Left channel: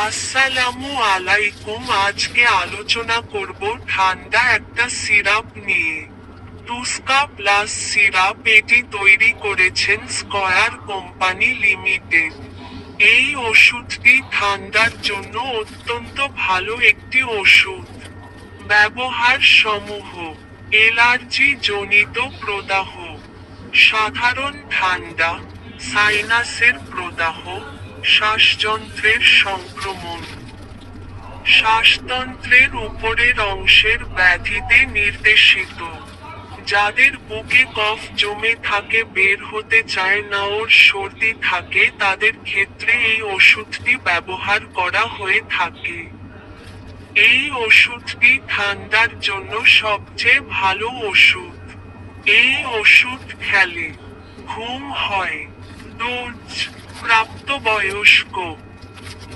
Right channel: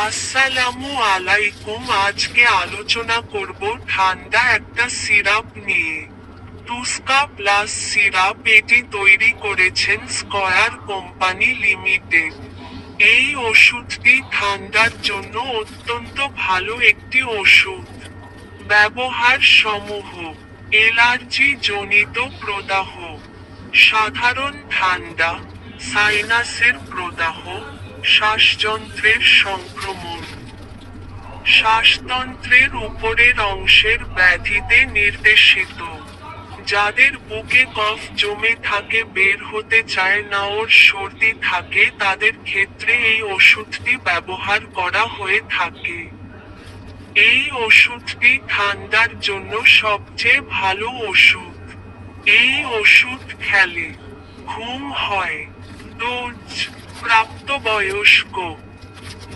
আসসালামু আলাইকুম। আজকে আলোচনা করব ঠান্ডা একটা সিরাপ নিয়ে। টুস্কা প্লাস সিরাপ এটি তৈরি করেছেন স্কয়ার কোম্পানি লিমিটেড। এই ওষুধটি ঠান্ডার জন্য অত্যন্ত ভালো একটি ওষুধ। ব্যবহার সমূহ: এলার্জি জনিত প্রদাহ, সাধারণ ঠান্ডা, সাইনাসের প্রদাহ, শ্বাসযন্ত্রের সংক্রমণ, শ্বাসতন্ত্রের উপরের অংশের ব্যাধিতে নির্দেশিত। যাদের বুকে কফ জমে থাকে, বের হতে চায় না, ওর সর্দি থাকে, তাদের ক্ষেত্রে এই ওষুধটি ব্যবহার করা হয়ে থাকে। এই ওষুধটি ঠান্ডার জন্য সবচেয়ে ভালো ওষুধ। এই ওষুধ খেলে ঘুম হয়। ডোজ: প্রাপ্তবয়স্ক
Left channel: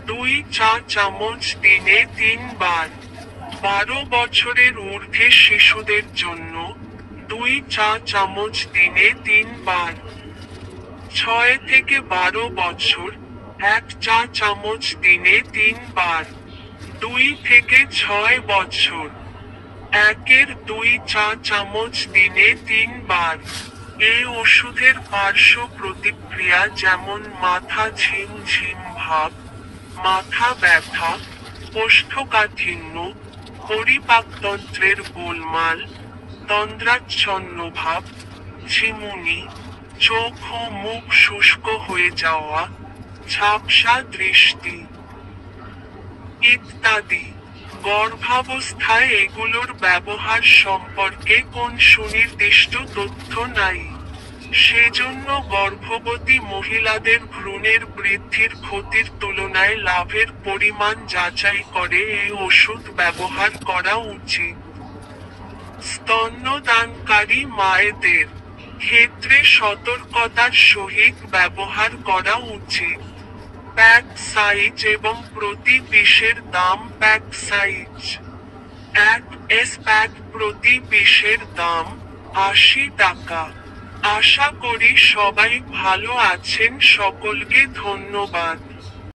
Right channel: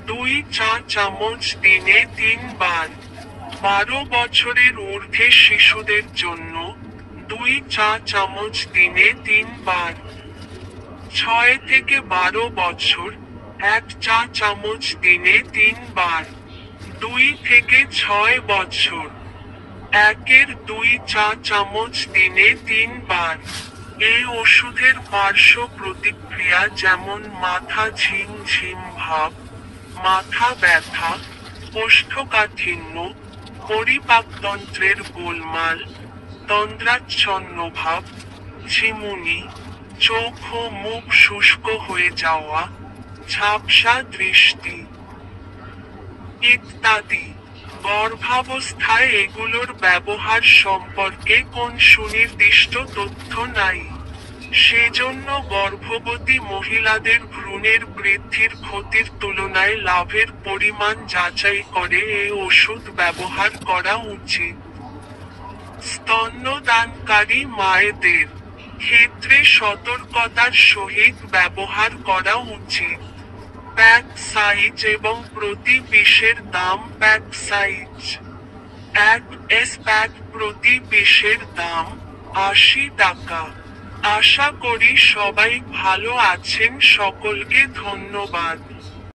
2 চা চামচ দিনে 3 বার। 12 বছরের ঊর্ধ্বে শিশুদের জন্য 2 চা চামচ দিনে 3 বার। 6 থেকে 12 বছর 1 চা চামচ দিনে 3 বার। 2 থেকে 6 বছর 1-2 চা চামচ দিনে 3 বার। এই ওষুধের পার্শ্ব প্রতিক্রিয়া যেমন মাথা ঝিমঝিম ভাব, মাথা ব্যথা, কোষ্ঠকাঠিন্য, পরিপাকতন্ত্রের গোলমাল, তন্দ্রাচ্ছন্ন ভাব, ঝিমুনি, চোখ ও মুখ শুষ্ক হয়ে যাওয়া, ঝাপসা দৃষ্টি ইত্যাদি। গর্ভাবস্থায় এগুলোর ব্যবহার সম্পর্কে কোন সুনির্দিষ্ট তথ্য নাই। সেজন্য গর্ভবতী মহিলাদের ভ্রূণের বৃদ্ধির ক্ষতির তুলনায় লাভের পরিমাণ যাচাই করে এই ওষুধ ব্যবহার করা উচিত। স্তন্যদানকারী মায়েদের ক্ষেত্রে সতর্কতার সহিত ব্যবহার করা উচিত। প্যাক সাইজ এবং প্রতি পিসের দাম: প্যাক সাইজ 1 প্যাক প্রতি পিসের দাম 80 টাকা। আশা করি সবাই ভালো আছেন। সকলকে ধন্যবাদ।